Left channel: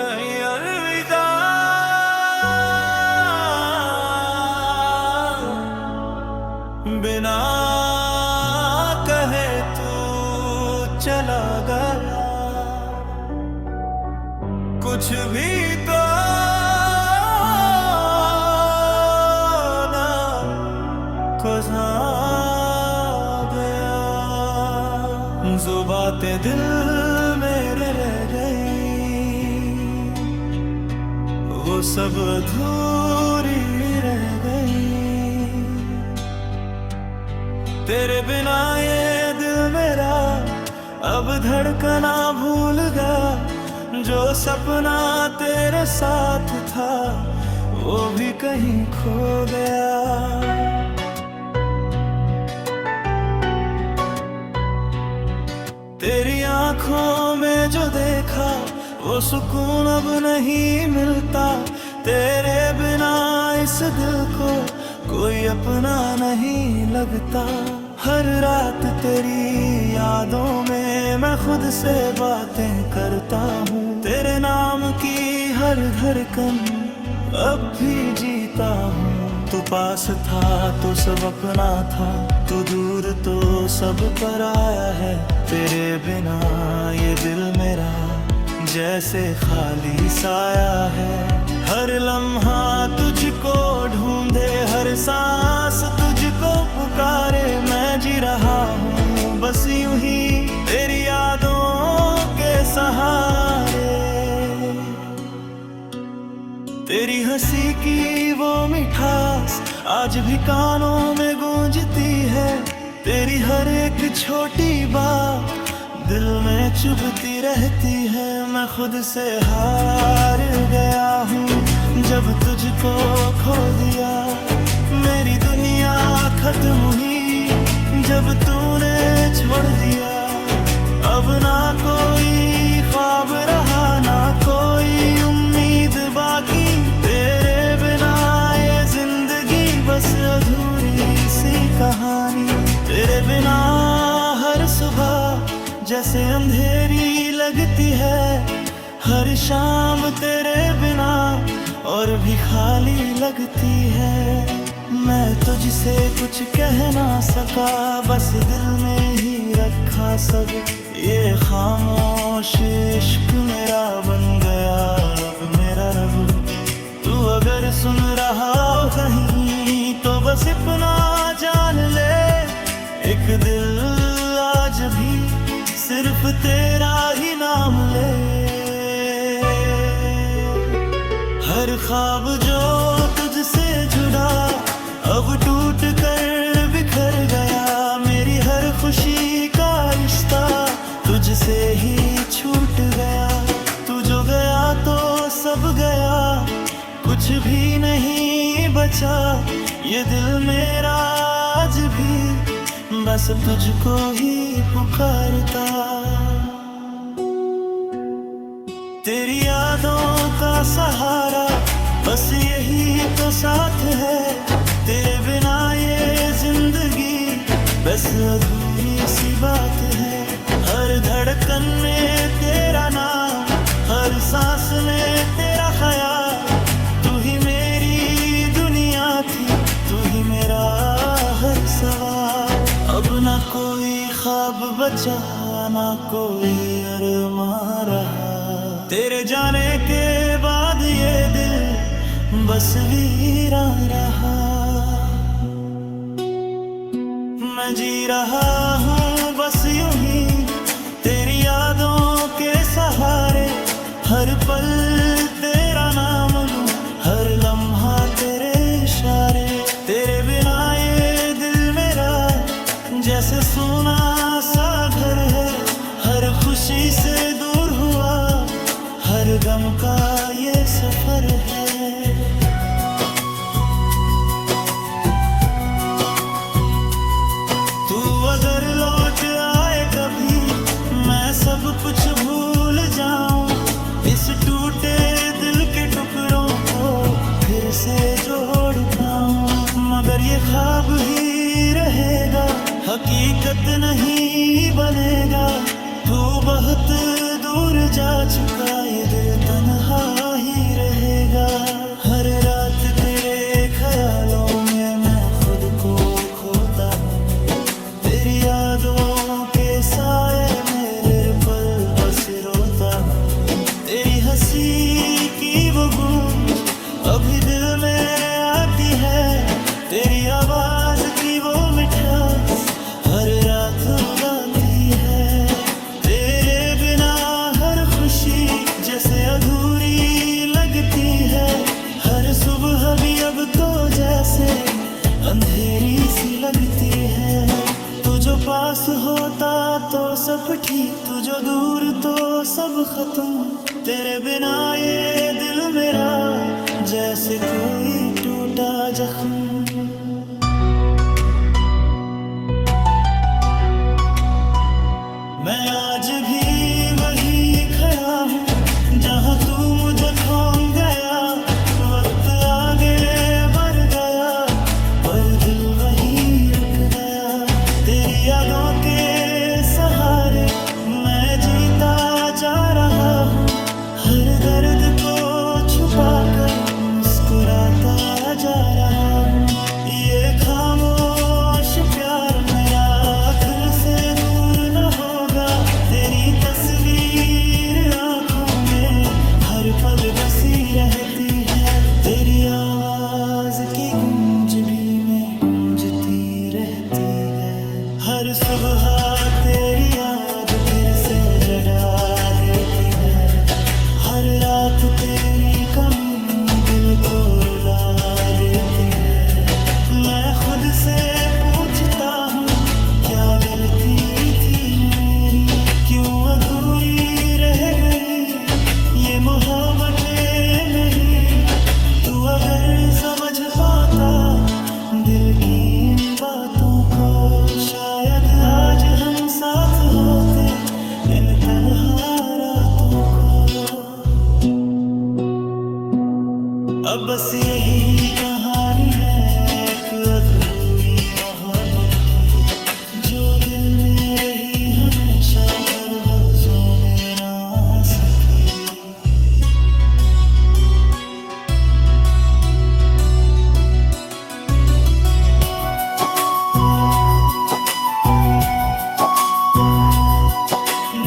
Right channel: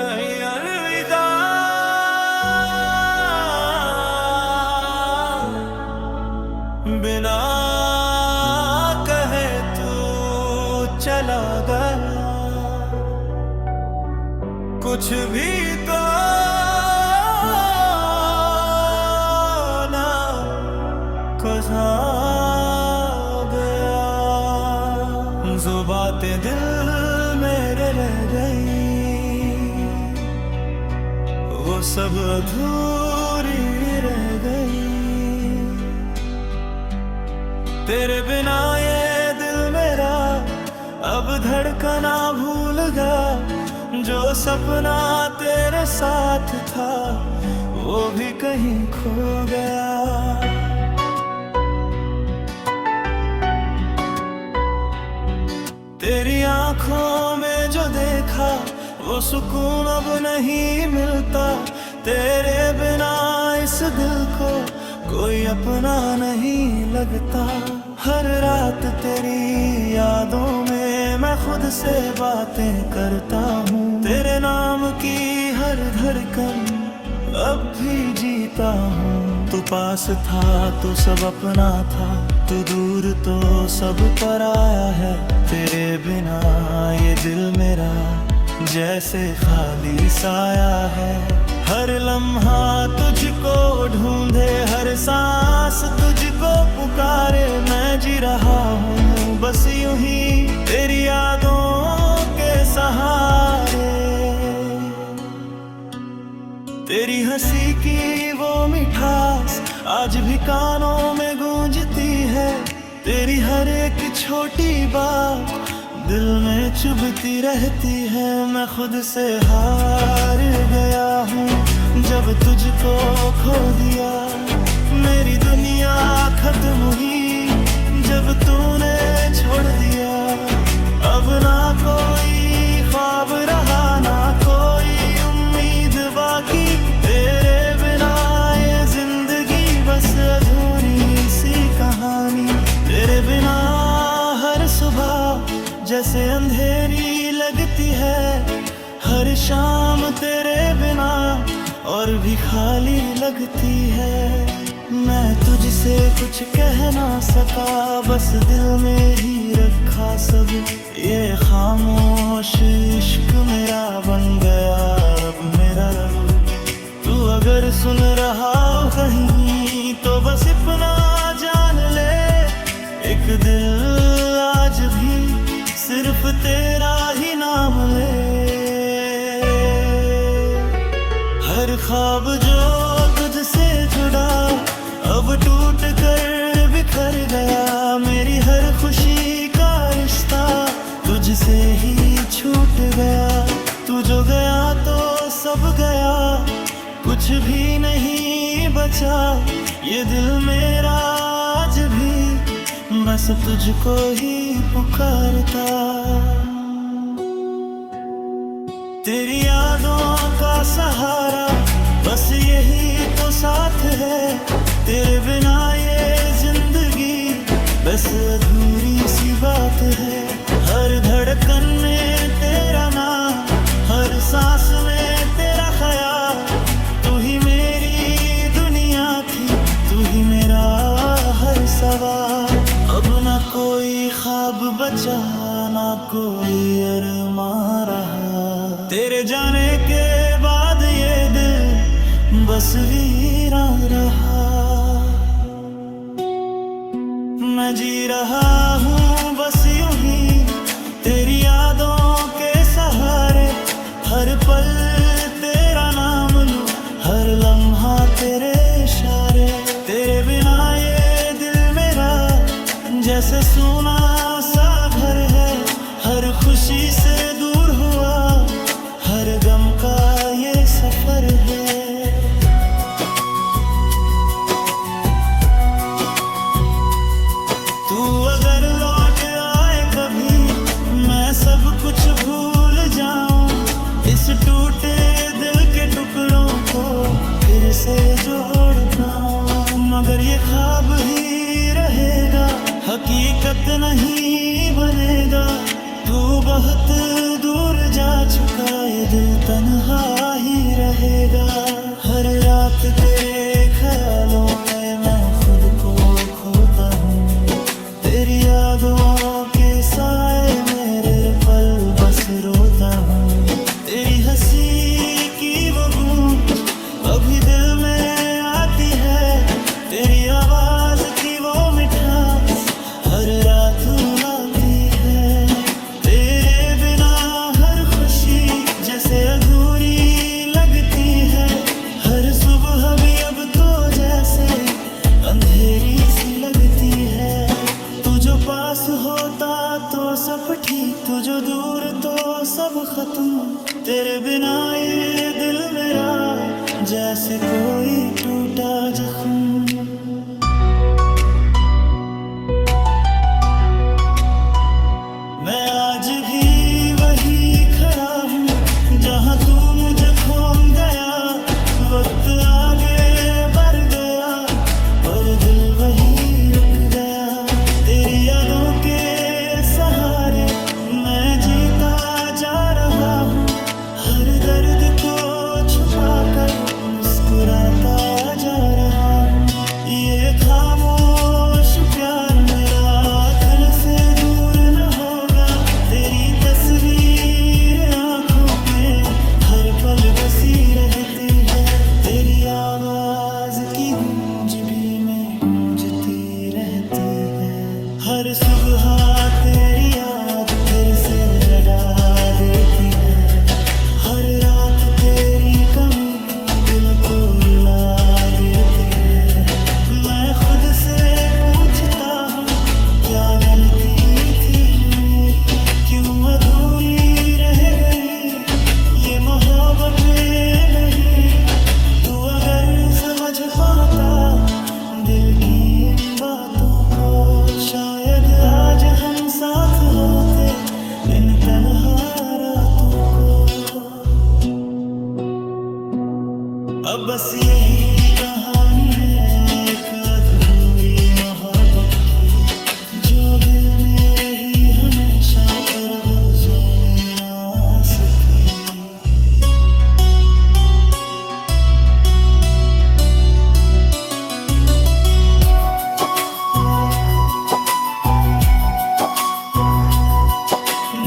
अलविदा बिना कहे तू चला गया, कुछ भी तो ना गुज़ा गया। जो बातें दिल मेरे रह गई, वो सब अधूरी रह गई। तेरे बिना ये दिल मेरा अब धड़कना भूल गया। जो सपना तेरे साथ था वो भी कहीं खो गया। तेरी आंखों में जो देखा वो सुकून अब नहीं मिलता। तेरे बिना इस दिल को कोई अपना नहीं लगता। हर रात तेरी यादों में मैं खुद से बातें करता हूँ। तेरे नाम की हर धड़कन अब भी जीता हूँ। तू पास था तो सब अपना था, तू दूर तो सब पराया है। तेरे बिना ये दिल मेरा जैसे खाली साया है। हर लम्हा तुझको ढूंढे, हर सांस तुझको पुकारे। मैं जी रहा हूँ बस यूं ही तेरी यादों के सहारे। तेरी हंसी की वो मिठास आज भी कानों में गूंजती है। तेरी हर एक छोटी बात दिल में चुभती रहती है। मैं खुद से हार गया हूँ जब तुझको खो दिया। मेरी दुनिया खत्म हुई जब तूने छोड़ दिया। अब ना कोई ख्वाब रहा ना कोई उम्मीद बाकी। तेरे बिना ये जिंदगी बस अधूरी सी कहानी। तेरे बिना हर सुबह जैसे अंधेरी लगती है। हर शाम तेरे बिना और भी खाली लगती है। मैं तुझसे कुछ कह ना सका, बस दिल में ही रखा सब। ये खामोश इश्क मेरा बन गया अब मेरा रब। तू अगर सुन रहा हो कहीं तो बस इतना जान ले, एक दिल आज भी सिर्फ तेरा ही नाम ले। हर ख्वाब जो तुझसे जुड़ा अब टूट कर बिखर गया। मेरी हर खुशी का रिश्ता तुझसे ही छूट गया। तू जो गया तो सब गया, कुछ भी नहीं बचा। ये दिल मेरा आज भी बस तुझको ही पुकारता। तेरी यादों का सहारा बस यही तो साथ है। तेरे बिना ये जिंदगी बस अधूरी सी बात है। हर धड़कन में तेरा नाम, हर सांस में तेरा ख्याल। तू ही मेरी दुनिया थी, तू ही मेरा हर सवाल। अब ना कोई ख्वाब बचा ना कोई अरमान रहा। तेरे जाने के बाद ये दिल बस वीरान रहा। मैं जी रहा हूँ बस यूं ही तेरी यादों के सहारे। हर पल तेरा नाम लूं, हर लम्हा तेरे इशारे। तेरे बिना ये दिल मेरा जैसे सूना सा घर है। हर खुशी से दूर हुआ, हर गम का ये सफर है। तू अगर लौट आए कभी, मैं सब कुछ भूल जाऊं। इस टूटे दिल के टुकड़ों को फिर से जोड़ पाऊं। मगर ये ख्वाब ही रहेगा, हकीकत नहीं बनेगा। तू बहुत दूर जा चुका ये दिल तन्हा ही रहेगा। हर रात तेरे ख्यालों में मैं खुद को खोता हूँ। तेरी यादों के साए मेरे पल बस रोता हूँ। तेरी हंसी की वो गूंज अभी दिल में आती है। तेरी आवाज की वो मिठास हर रात रुलाती है। तेरे बिना हर खुशी जैसे अधूरी लगती है। हर सुबह भी अब तो जैसे अंधेरी सी लगती है। तू जो पास होता तो सब ठीक, तू जो दूर तो सब खत्म। तेरे बिना ये दिल मेरा जैसे कोई टूटा जख्म। मैं आज भी वही खड़ा हूँ जहाँ तू मुझे खोन गया। वक्त आगे बढ़ गया पर दिल वही रुक गया। तेरी यादों के सहारे मैं जीता जा रहा हूँ। हर दर्द को छुपाकर मुस्कुराता जा रहा हूँ। ये खामोश प्यार मेरा दिल से दूर न होगा। तेरी तस्वीर आंखों में हर पल बसी रहती है। तेरी आवाज की गूंज भी में गूंजती रहती है। हर सुबह तेरी याद फिर से जगा देती है। हर रात तेरी कमी दिल को रुला देती है। मैं खुद से पूछता हूँ क्या गलती थी मेरी, क्यों अधूरी रह गई ये मोहब्बत में नहीं। तू अगर समझ पाता दिल की इन बातों को, शायद आज हम साथ होते इन तन्हा रातों को। अब बस यही कहानी है एक अधूरी मोहब्बत की, जो दिल में रही हमेशा पर लफ्जों में ना आ सकी।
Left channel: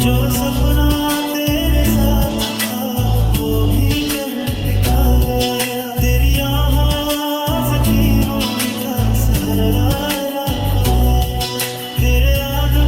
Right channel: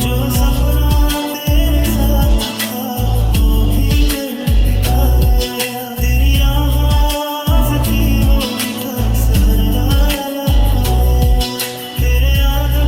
जो सपना तेरे साथ था वो भी कर दिखा गया है। तेरी आवाज़ की वो मिठास हर रात है। तेरे आगे